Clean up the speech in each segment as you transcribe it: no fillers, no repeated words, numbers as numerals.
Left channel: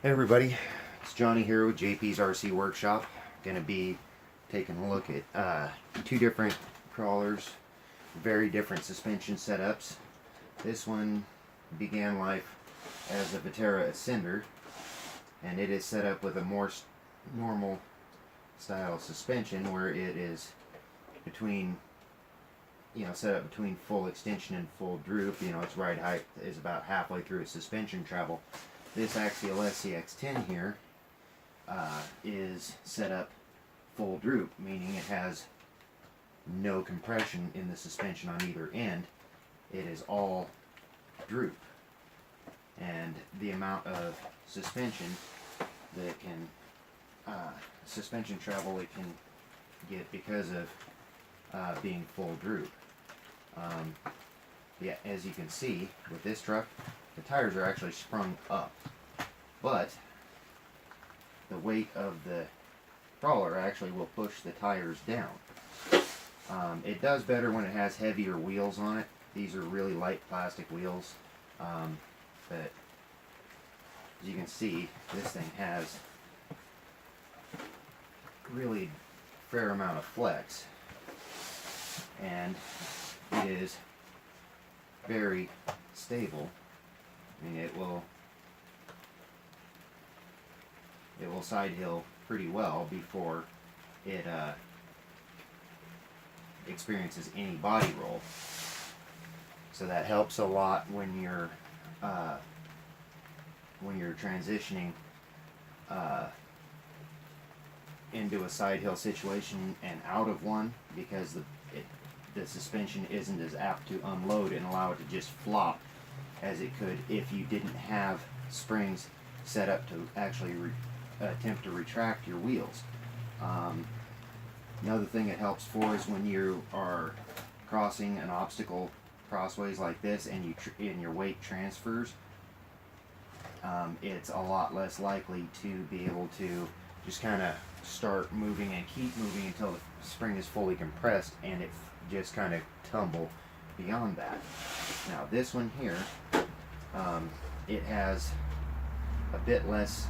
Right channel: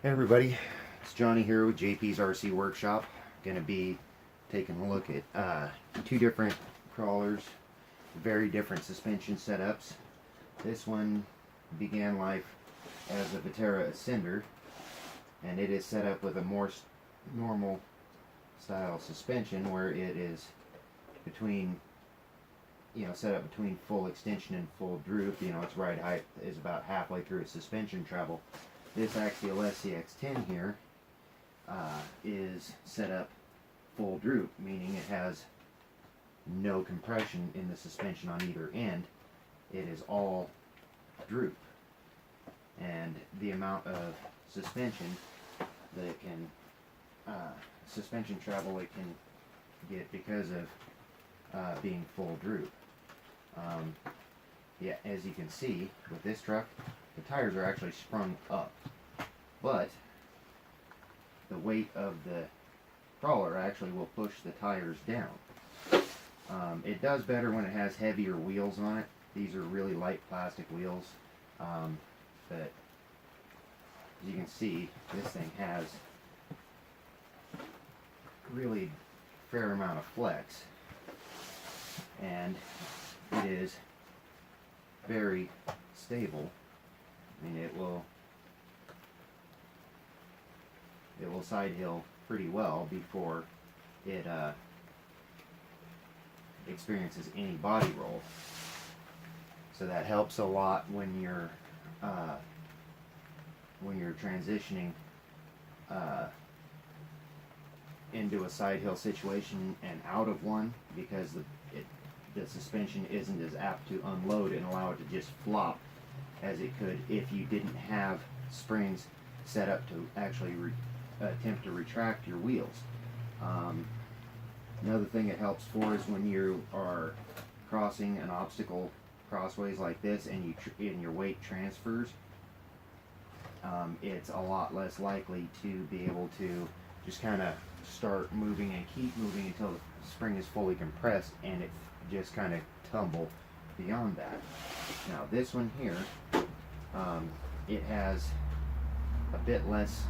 Hey everybody, it's Johnny here with JP's RC Workshop. Going to be taking a look at two different crawlers, very different suspension setups. This one began life as a Vetera Ascender, and it is set up with a more normal style suspension where it is between, set up between full extension and full droop. Its ride height is about halfway through its suspension travel. This Axial SCX10 here is set up full droop, meaning it has no compression in the suspension on either end. It is all droop. And the amount of suspension that it can, suspension travel it can get because of being full droop. Yeah, as you can see with this truck, the tires are actually sprung up, but the weight of the crawler actually will push the tires down. It does better when it has heavier wheels on it. These are really light plastic wheels, but as you can see, this thing has really fair amount of flex, and it is very stable. I mean, it will side hill pretty well before it experiences any body roll. So that helps a lot when you're transitioning into a side hill situation and out of one, because the suspension isn't as apt to unload and allow it to just flop as it could if you didn't have springs set up to actually attempt to retract your wheels. Another thing it helps for is when you are crossing an obstacle crossways like this and your weight transfers, it's a lot less likely to be able to just kind of start moving and keep moving until the spring is fully compressed and it just kind of tumble beyond that. Now this one here, it has a bit less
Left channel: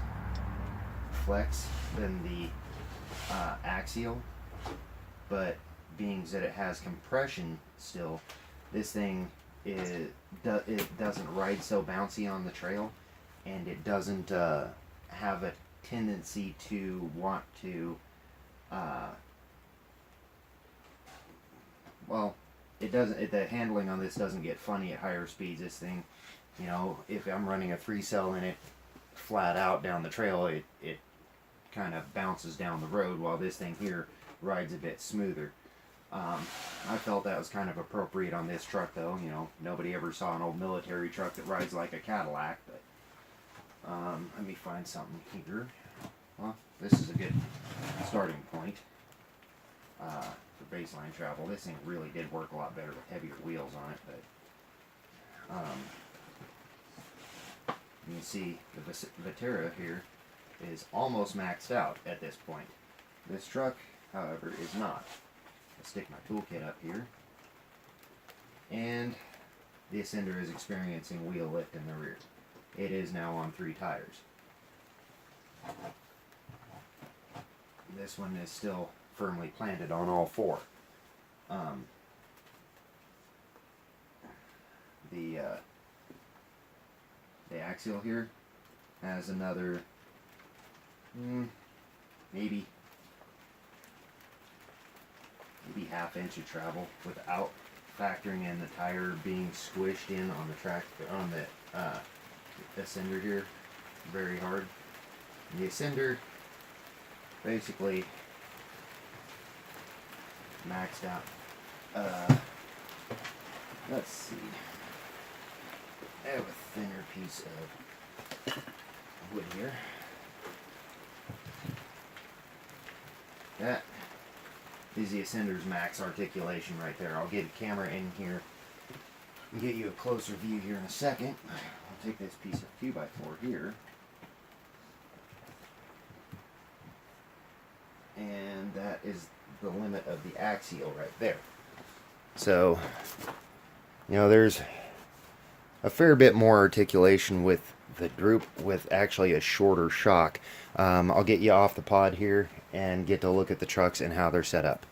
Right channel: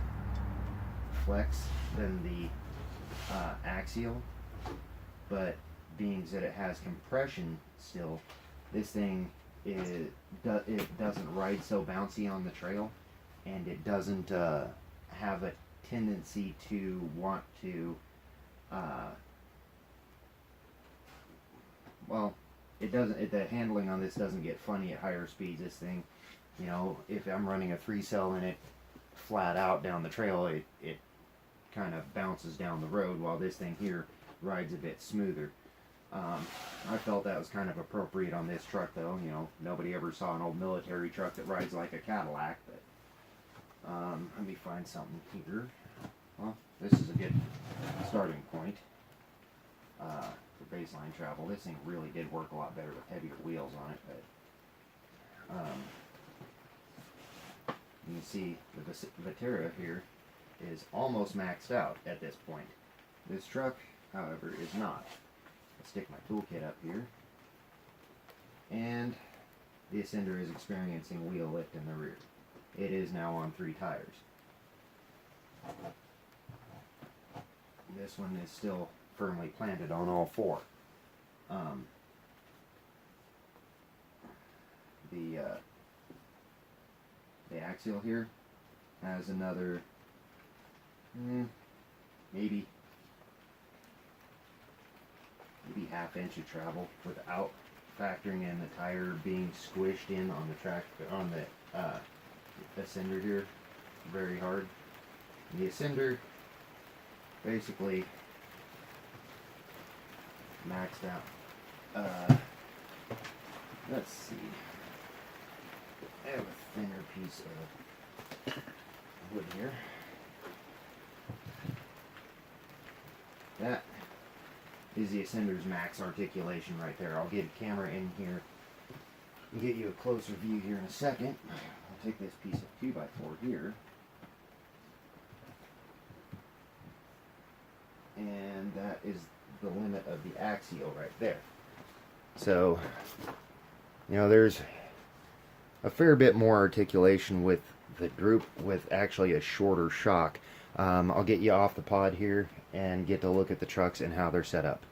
flex than the Axial, but being that it has compression still, this thing it doesn't ride so bouncy on the trail, and it doesn't have a tendency to want to it doesn't. The handling on this doesn't get funny at higher speeds. This thing, if I'm running a 3-cell in it flat out down the trail, it kind of bounces down the road, while this thing here rides a bit smoother. I felt that was kind of appropriate on this truck, though. Nobody ever saw an old military truck that rides like a Cadillac. But let me find something here. Well, this is a good starting point for baseline travel. This thing really did work a lot better with heavier wheels on it, but you can see the Vetera here is almost maxed out at this point. This truck, however, is not. I'll stick my toolkit up here, and the Ascender is experiencing wheel lift in the rear. It is now on 3 tires. This one is still firmly planted on all 4. The Axial here has another maybe half inch of travel without factoring in the tire being squished in on the track on the Ascender here very hard. And the Ascender basically maxed out. Let's see. I have a thinner piece of wood here. That is the Ascender's max articulation right there. I'll get a camera in here and get you a closer view here in a second. I'll take this piece of 2x4 here, and that is the limit of the Axial right there. So, there's a fair bit more articulation with the Droop with actually a shorter shock. I'll get you off the pod here and get to look at the trucks and how they're set up.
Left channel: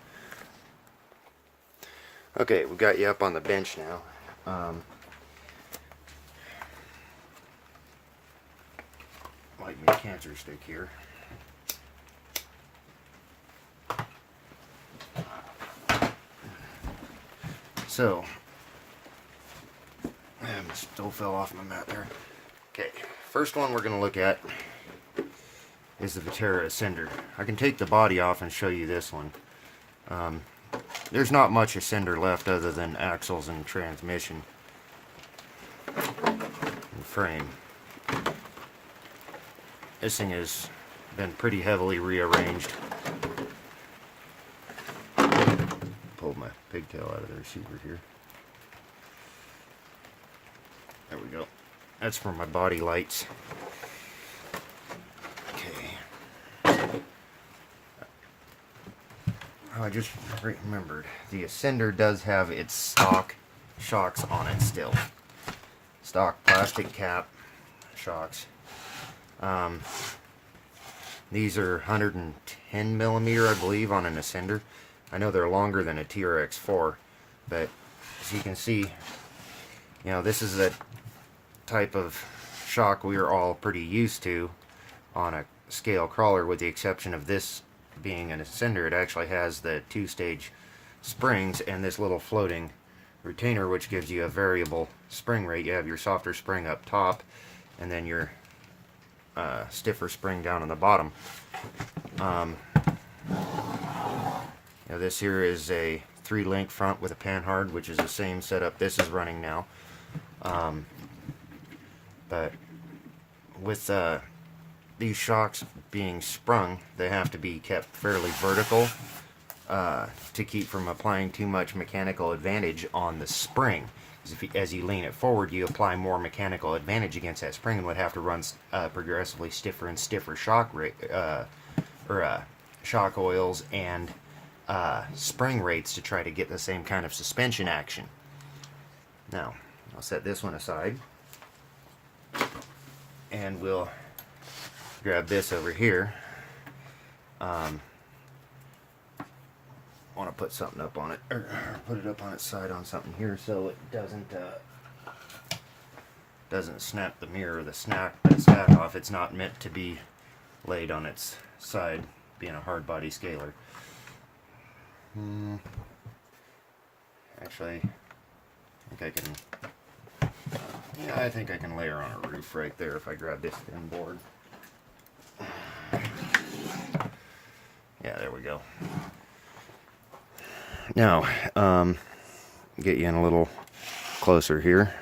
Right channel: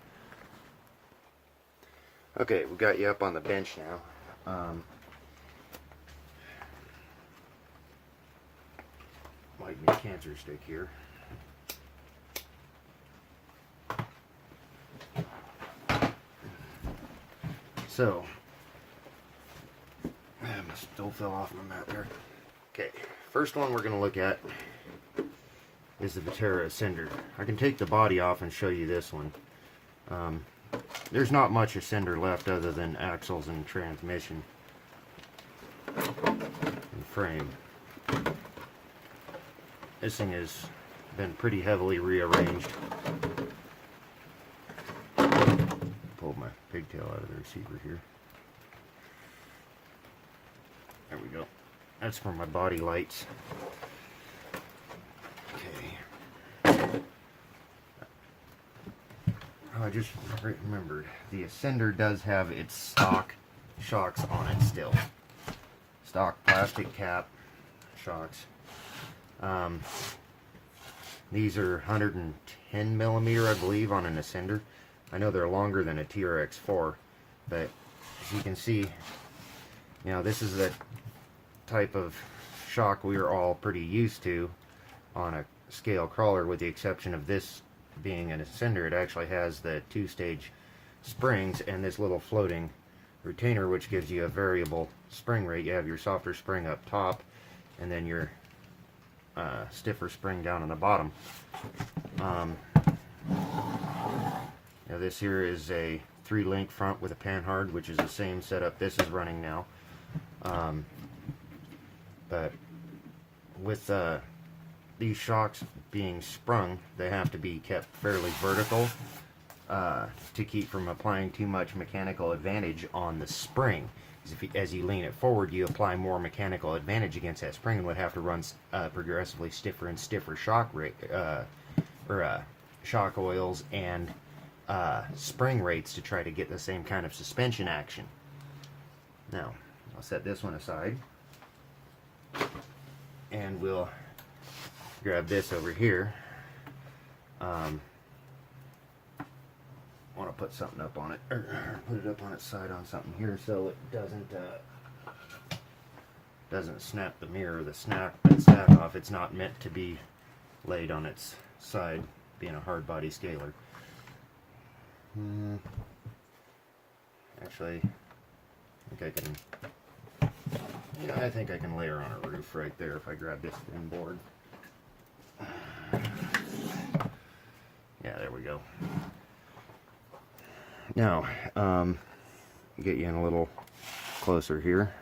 Okay, we got you up on the bench now. Like my cancer stick here. So, I still fell off my mat there. Okay, first one we're going to look at is the Viterra Ascender. I can take the body off and show you this one. There's not much Ascender left other than axles and transmission and frame. This thing has been pretty heavily rearranged. Pulled my pigtail out of the receiver here. There we go. That's for my body lights. Okay. Oh, I just remembered. The Ascender does have its stock shocks on it still. Stock plastic cap shocks. These are 110 millimeter, I believe, on an Ascender. I know they're longer than a TRX4, but as you can see, you know, this is the type of shock we are all pretty used to on a scale crawler, with the exception of this being an Ascender. It actually has the two-stage springs and this little floating retainer, which gives you a variable spring rate. You have your softer spring up top, and then your stiffer spring down on the bottom. Now this here is a 3-link front with a panhard, which is the same setup this is running now. But with these shocks being sprung, they have to be kept fairly vertical to keep from applying too much mechanical advantage on the spring. As you lean it forward, you apply more mechanical advantage against that spring and would have to run progressively stiffer and stiffer shock shock oils and spring rates to try to get the same kind of suspension action. Now, I'll set this one aside, and we'll grab this over here. Want to put something up on it, or put it up on its side on something here so it doesn't snap the mirror, the slat off. It's not meant to be laid on its side, being a hard body scaler. Actually, I think I can lay her on a roof right there if I grab this thin board. Yeah, there we go. Now, get you in a little closer here.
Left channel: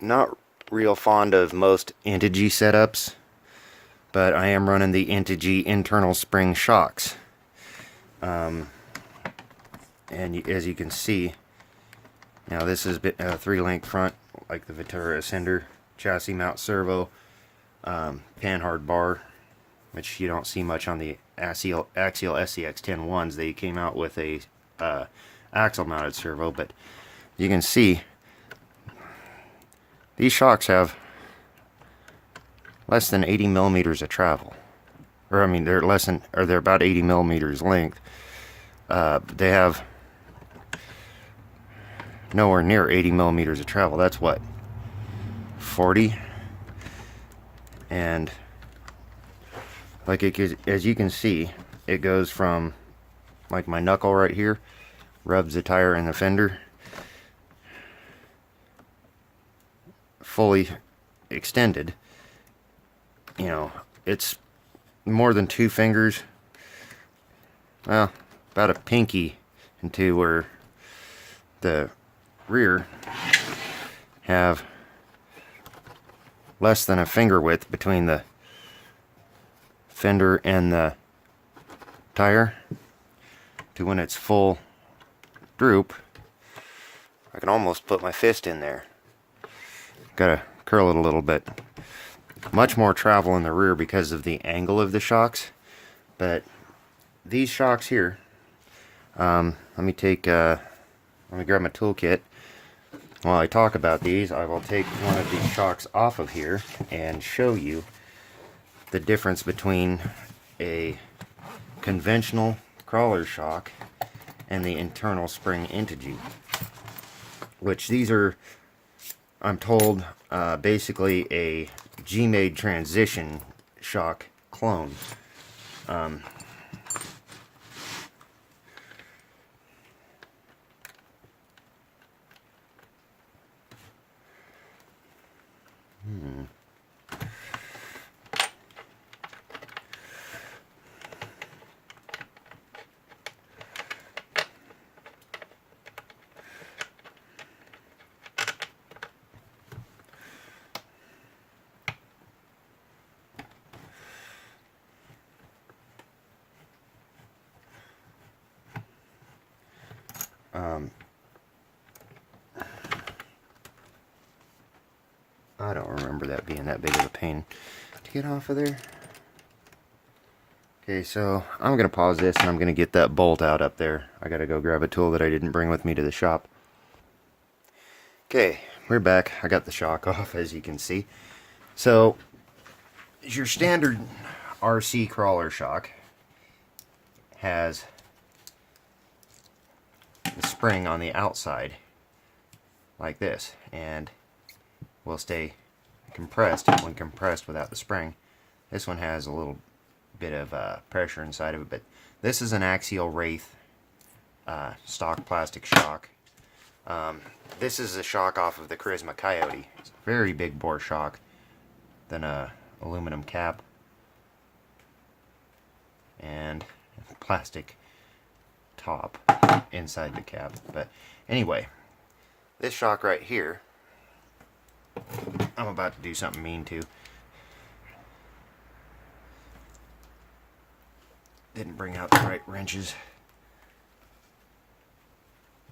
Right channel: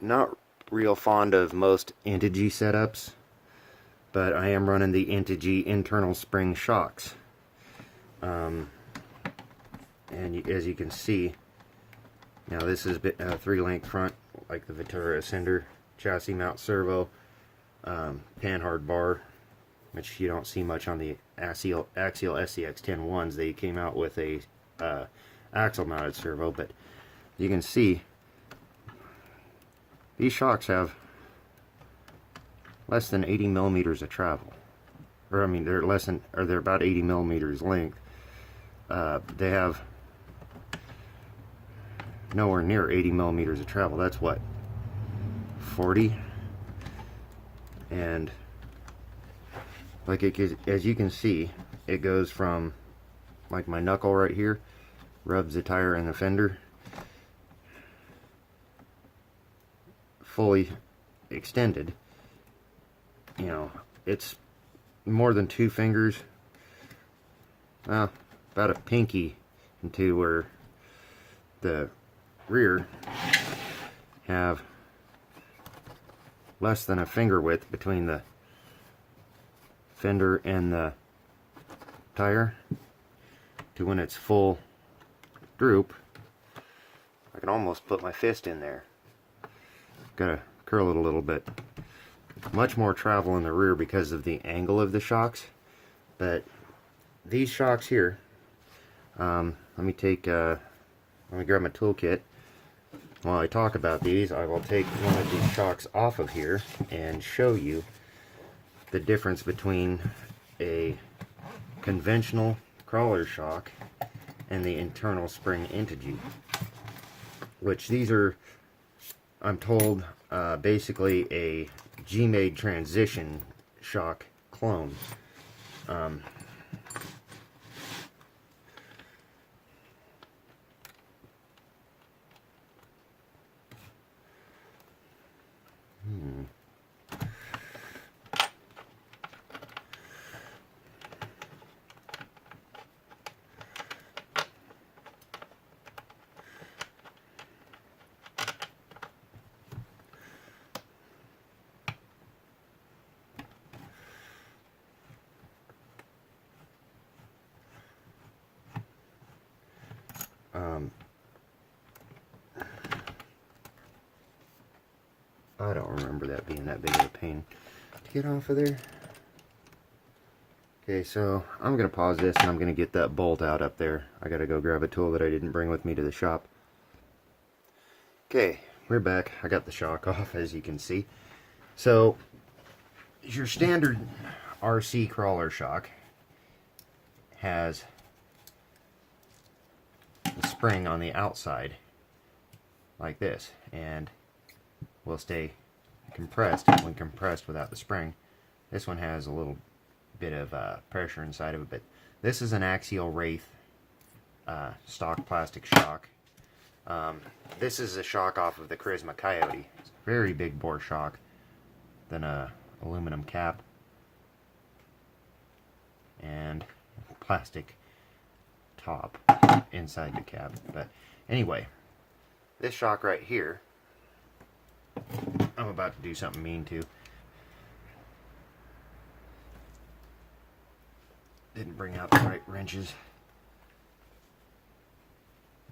Not real fond of most Integy setups, but I am running the Integy internal spring shocks. And as you can see, now this is a 3-link front, like the Viterra Ascender, chassis mount servo, panhard bar, which you don't see much on the Axial SCX-10 ones. They came out with a axle mounted servo, but you can see these shocks have less than 80 millimeters of travel. Or I mean, they're about 80 millimeters length. They have nowhere near 80 millimeters of travel. That's what, 40? And like as you can see, it goes from like my knuckle right here, rubs the tire in the fender, fully extended. You know, it's more than 2 fingers, well, about a pinky into where the rear have less than a finger width between the fender and the tire to when it's full droop. I can almost put my fist in there. Gotta curl it a little bit. Much more travel in the rear because of the angle of the shocks, but these shocks here, let me grab my toolkit. while I talk about these, I will take one of these shocks off of here and show you the difference between a conventional crawler shock and the internal spring integer, which these are, I'm told, basically a G-made transition shock clone. I don't remember that being that big of a pain to get off of there. Okay, so I'm going to pause this and I'm going to get that bolt out up there. I got to go grab a tool that I didn't bring with me to the shop. Okay, we're back. I got the shock off, as you can see. So, your standard RC crawler shock has the spring on the outside, like this, and will stay compressed when compressed without the spring. This one has a little bit of pressure inside of it, but this is an axial wraith stock plastic shock. This is a shock off of the Charisma Coyote. It's a very big bore shock than a aluminum cap and plastic top inside the cap. But anyway, this shock right here, I'm about to do something mean to. Didn't bring out the right wrenches.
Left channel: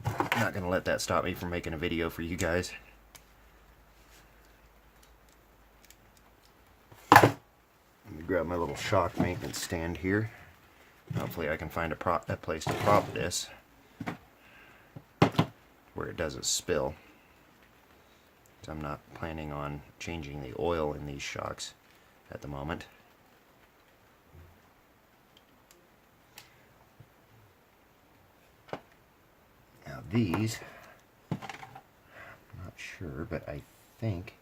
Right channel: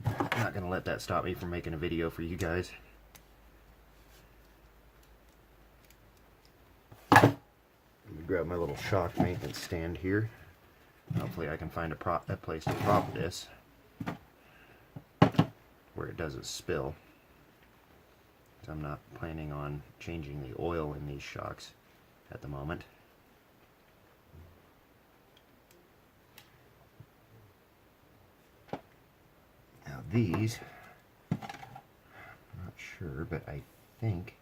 Not going to let that stop me from making a video for you guys. Let me grab my little shock maintenance stand here. Hopefully I can find a place to prop this where it doesn't spill. I'm not planning on changing the oil in these shocks at the moment. Now these, I'm not sure, but I think,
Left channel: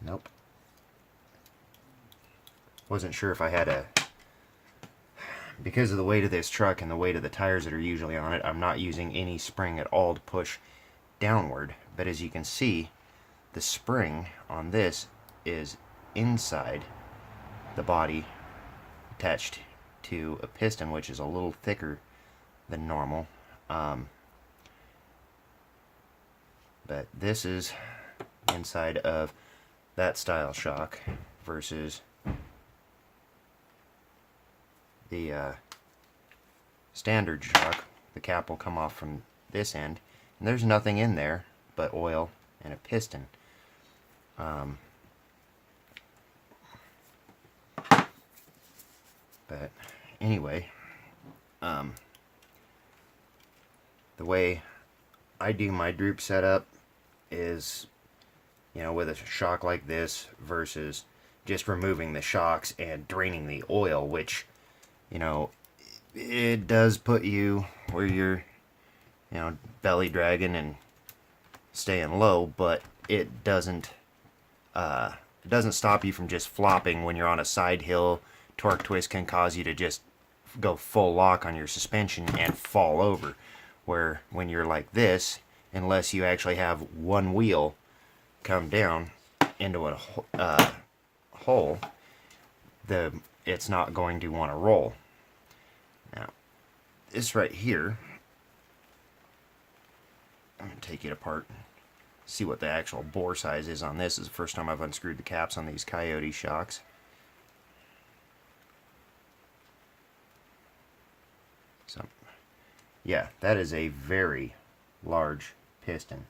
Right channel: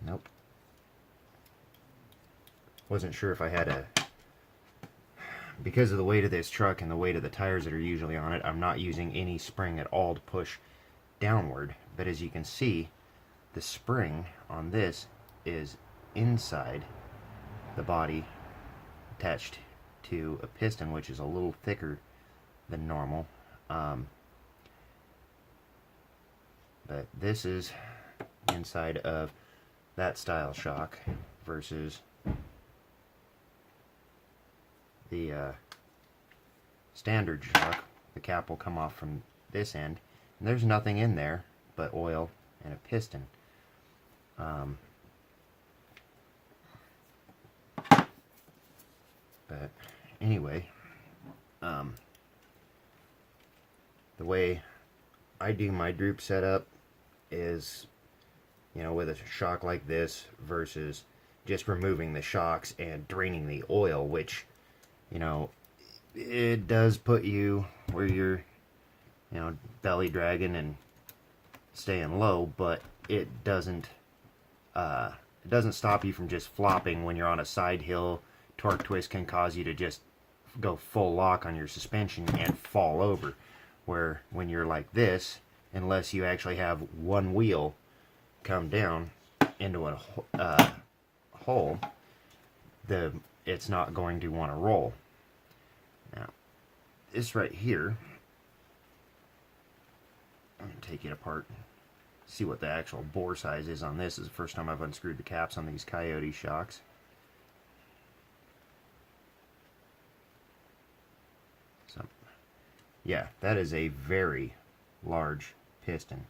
nope. Wasn't sure if I had a, because of the weight of this truck and the weight of the tires that are usually on it, I'm not using any spring at all to push downward. But as you can see, the spring on this is inside the body, attached to a piston, which is a little thicker than normal. But this is inside of that style shock versus the standard shock. The cap will come off from this end, and there's nothing in there but oil and a piston. But anyway, the way I do my Droop setup is, you know, with a shock like this versus just removing the shocks and draining the oil, which, you know, it does put you where you're, you know, belly dragging and staying low, but it doesn't stop you from just flopping when you're on a side hill. Torque twist can cause you to just go full lock on your suspension and fall over, where when you're like this, unless you actually have one wheel come down into a hole, it's not going to want to roll. Now, this right here, I'm going to take it apart, see what the actual bore size is on this. This is the first time I've unscrewed the caps on these Coyote shocks. So, yeah, that is a very large piston.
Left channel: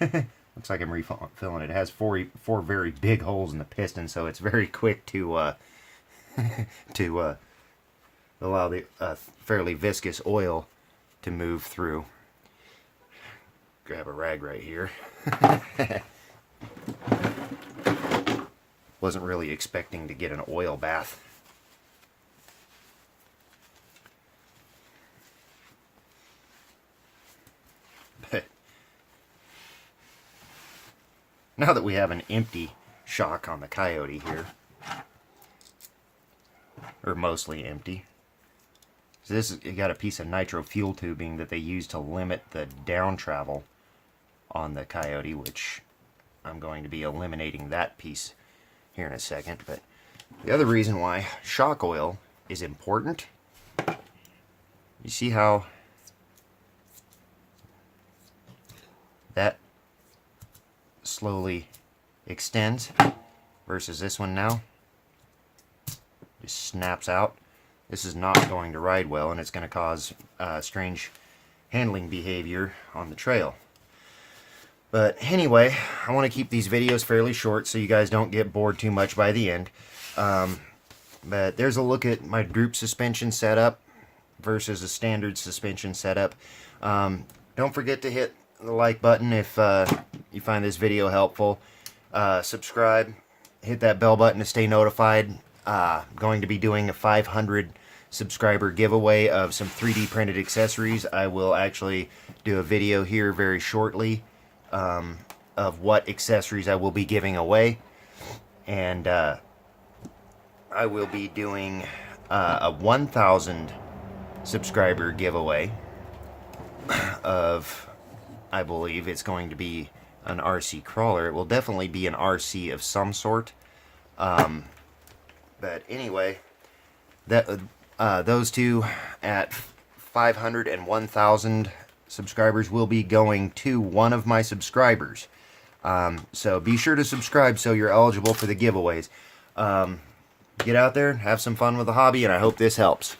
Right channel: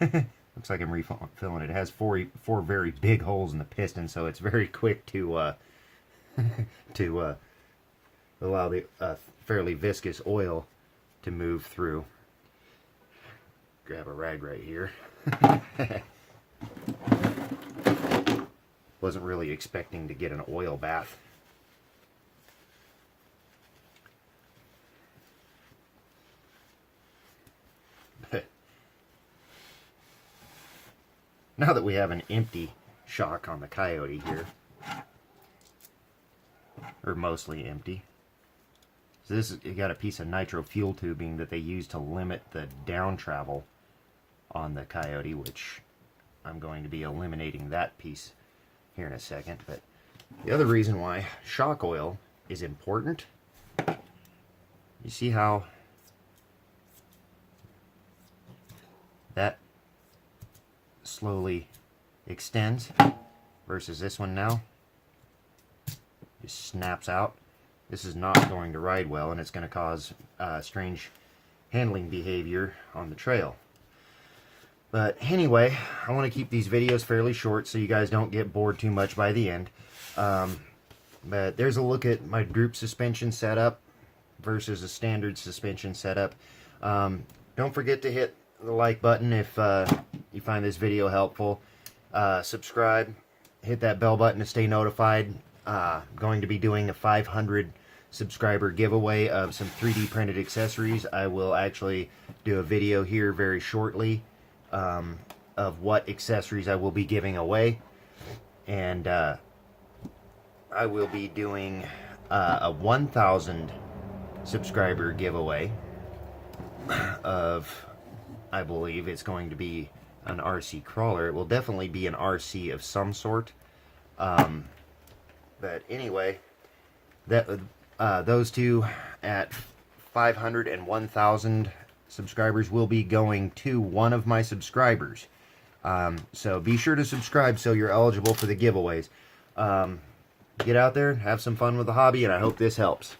Looks like I'm refilling it. It has four very big holes in the piston, so it's very quick to allow the fairly viscous oil to move through. Grab a rag right here. Wasn't really expecting to get an oil bath. But now that we have an empty shock on the Coyote here, or mostly empty, so this you got a piece of nitro fuel tubing that they use to limit the down travel on the Coyote, which I'm going to be eliminating that piece here in a second. But the other reason why shock oil is important, you see how that slowly extends versus this one now just snaps out. This is not going to ride well, and it's going to cause strange handling behavior on the trail. But anyway, I want to keep these videos fairly short so you guys don't get bored too much by the end. But there's a look at my Droop suspension setup versus a standard suspension setup. Don't forget to hit the like button if you find this video helpful. Subscribe, hit that bell button to stay notified. Going to be doing a 500 subscriber giveaway of some 3D printed accessories. I will actually do a video here very shortly of what accessories I will be giving away, and I will be doing a 1,000 subscriber giveaway of, I believe it's going to be an RC crawler. It will definitely be an RC of some sort. But anyway, that those two at 500 and 1,000 subscribers will be going to one of my subscribers. So be sure to subscribe so you're eligible for the giveaways. Get out there, have some fun with the hobby, and I hope this helps.